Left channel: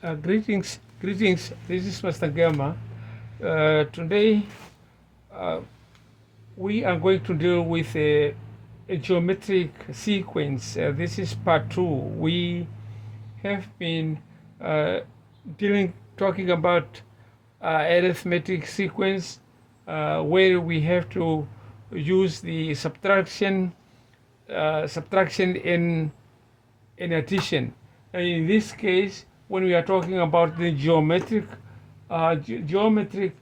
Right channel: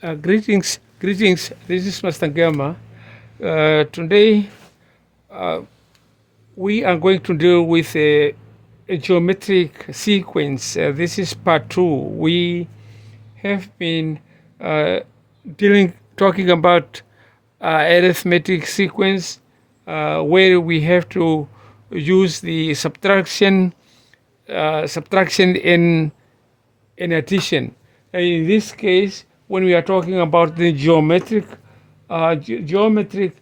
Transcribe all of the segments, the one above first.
Greetings. This is Master Gama. Today we are going to deal with a geometric sequence. This is part two. We have been uh, talking about arithmetic sequence, where we have to use the subtraction in addition. In this case, when we are talking about the geometric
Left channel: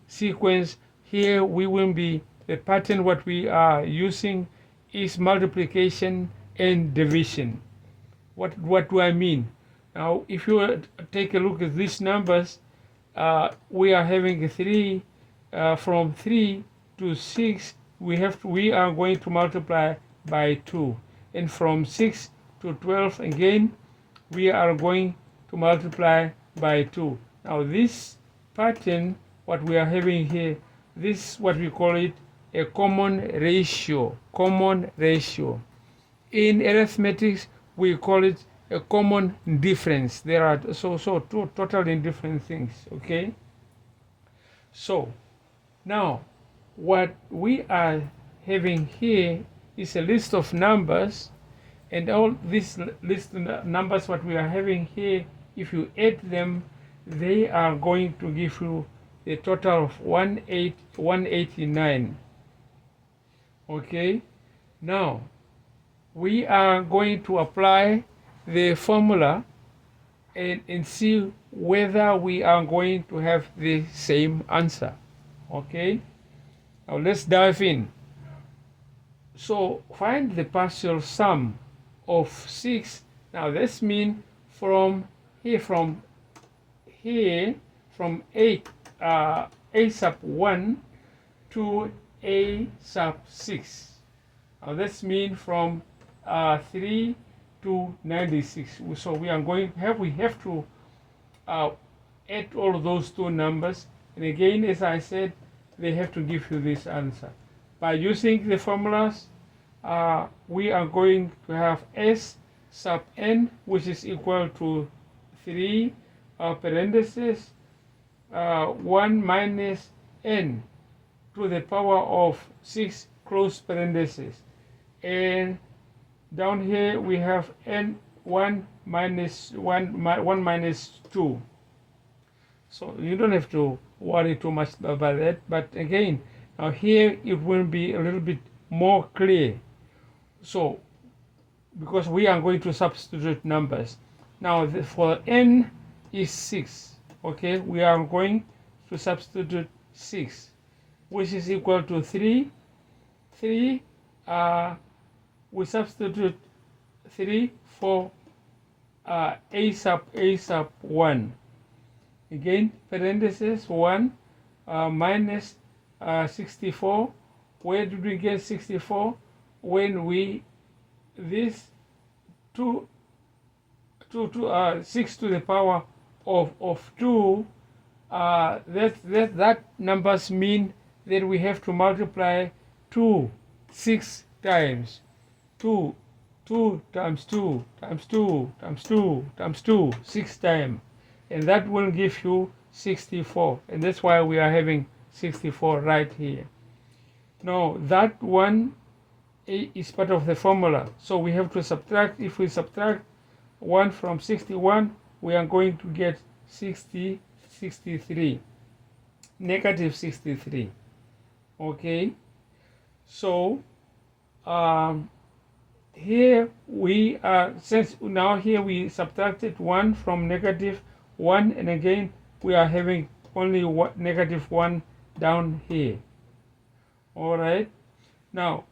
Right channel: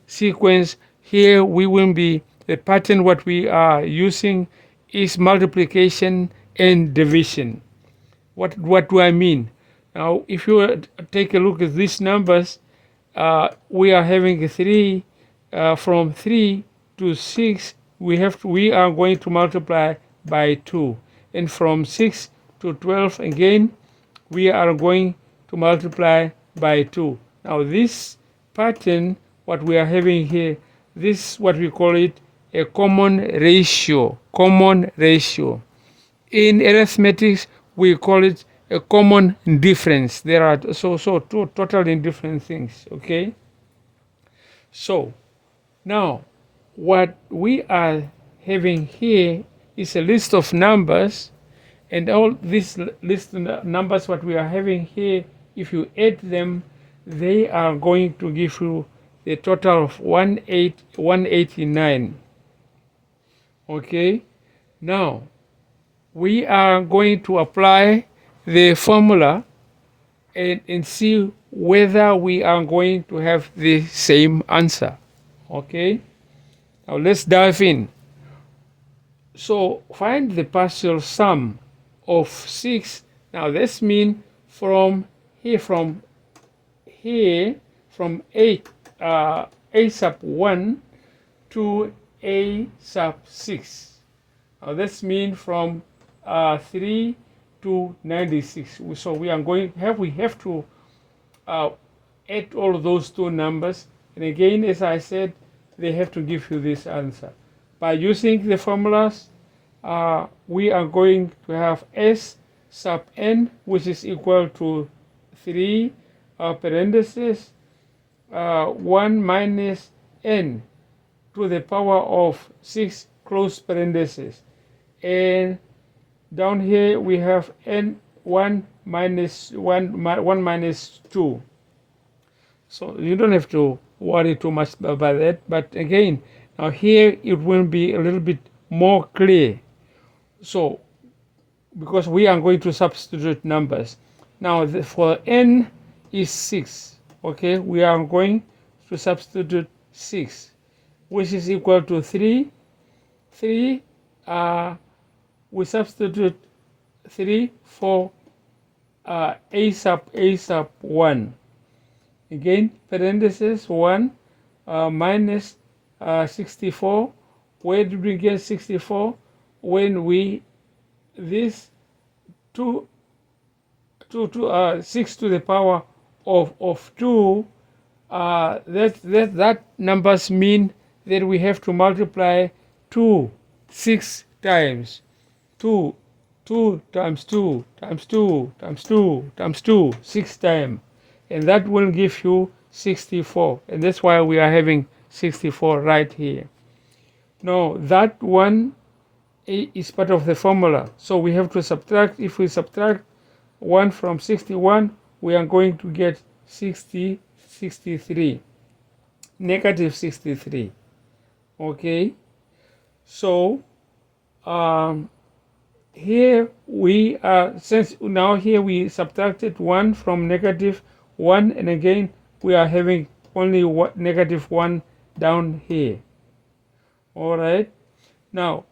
sequence, here we will be the pattern. What we are using is multiplication and division. What do I mean? Now, if you take a look at these numbers, we are having 3 from 3 to 6. We are going to multiply by 2, and from 6 to 12 again we are going to multiply by 2. Now this pattern, what we are having here, this is what we call it a common ratio. In arithmetics we call it a common difference. There are two totally different things. Okay, so now what we are having here is a list of numbers, and all this list of numbers what we are having here, if you add them, they are going to give you a total of 189. Okay, now we are going to apply the formula and see whether we are going to have the same answer. Okay, now let's dive in. So find the partial sum of 6. Now this means from 8 a sub 1 to a sub 6. Now this means from 3 to 96. So we have to add all those two numbers, and again, as I said, they have to give you this answer. By using the formulas, we are going to have s sub n, which is equal to 3 parentheses 1 minus n to the power of 6 close parentheses, and down here we have n 1 minus 2. So you don't have to worry too much about that, but again, now here it will be a little bit more clear. So because we are going to substitute numbers now, for n is 6. Okay, we are going to substitute 6, which is equal to 3. We substitute 3 for a sub 1. Again, parentheses 1 minus 64. Where did we get 64? When we this 6 to the power of 2, that numbers mean that we have to multiply 2 6 times. 2 times 2 times 2 times 2 times 2 6 times, and that will give you 64, and that's why we are having 64 right here. Now that one is part of the formula, so we have to subtract. If we subtract 1 from 61, we are going to get 63, negative 63. Okay, so here we are, since now here we subtracted 1 from negative 1, and again we are having only negative 1 down here. All right, now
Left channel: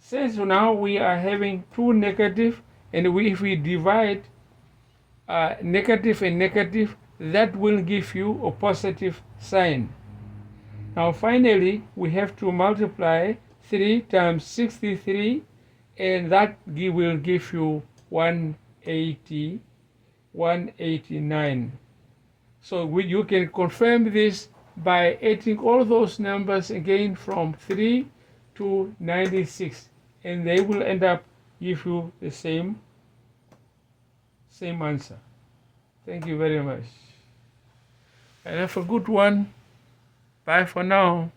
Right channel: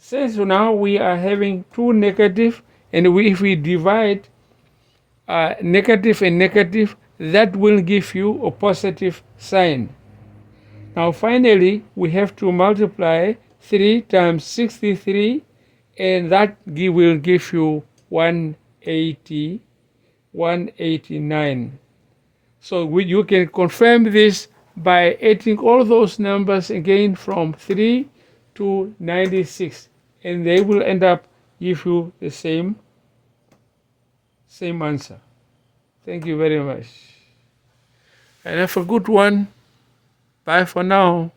since now we are having two negative, and if we divide negative and negative, that will give you a positive sign. Now finally we have to multiply 3 times 63, and that will give you 189. So you can confirm this by adding all those numbers again from 3 to 96, and they will end up give you the same answer. Thank you very much. and have a good one. Bye for now.